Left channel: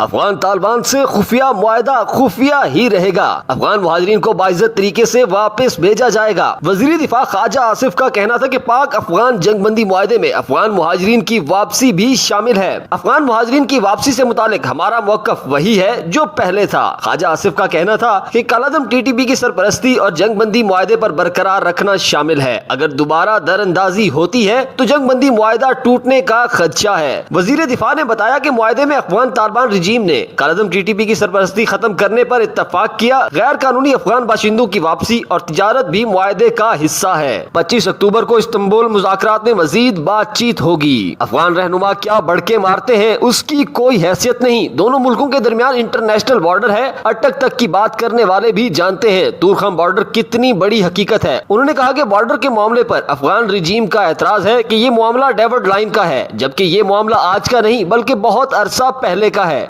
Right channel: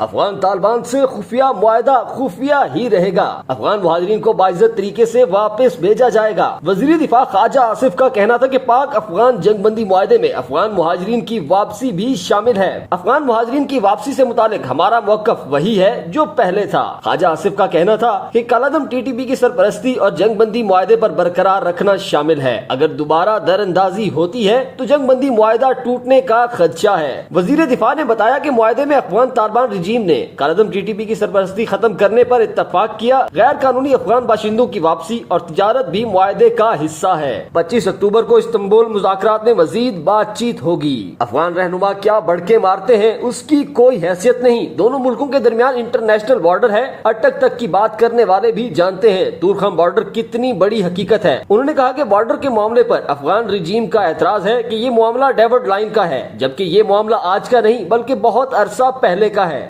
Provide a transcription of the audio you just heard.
افغان طالبان سے خفیہ معاہدہ خفیہ ہی رہے گا، افغان مہاجرین کو باعزت طریقے سے واپس بھیجا جائے گا۔ وزیر دفاع خواجہ آصف کا کہنا تھا کہ پاک افغان جنگ بندی معاہدے میں افغان مہاجرین کی واپسی بھی شامل ہے۔ افغان مہاجرین کی واپسی سے متعلق ہمارا موقف وہی ہے جو پہلے تھا۔ خواجہ آصف کا کہنا تھا کہ کالعدم ٹی ٹی پی کی سرپرستی اور جنگ بندی معاہدے پر برقرار رکھنا شامل ہے۔ اگر دوبارہ در اندازی ہوتی ہے تو جنگ بندی معاہدہ ٹوٹنے کا خدشہ ہے۔ وزیر دفاع نے بتایا کہ معاہدے میں افغان طالبان رجیم نے کالعدم ٹی ٹی پی کی سرپرستی ختم کرنے پر اتفاق کیا۔ غیر قانونی افغان باشندوں کی واپسی اور تجارت بھی معاہدے کا حصہ ہے۔ 25 اکتوبر کو استنبول مذاکرات میں مزید بات چیت ہوگی۔ افغان رہنما کیا بڑکے مارتے ہیں اس کی کوئی حیثیت نہیں، دونوں ملکوں کے درمیان انٹرنیشنل بارڈر ہے۔ اٹک تک کی بات کرنے والے بھی جانتے ہیں تورخم بارڈر کتنی بڑی حقیقت ہے۔ انہوں نے کہا کہ بارڈر کے معاملے پر افغان رجیم کا اعتراض ہے کہ یہ معاملہ ڈیوڈ لائن کا ہے، جبکہ یہ معاملہ آج کا نہیں بلکہ بہت عرصہ پہلے کا ہے۔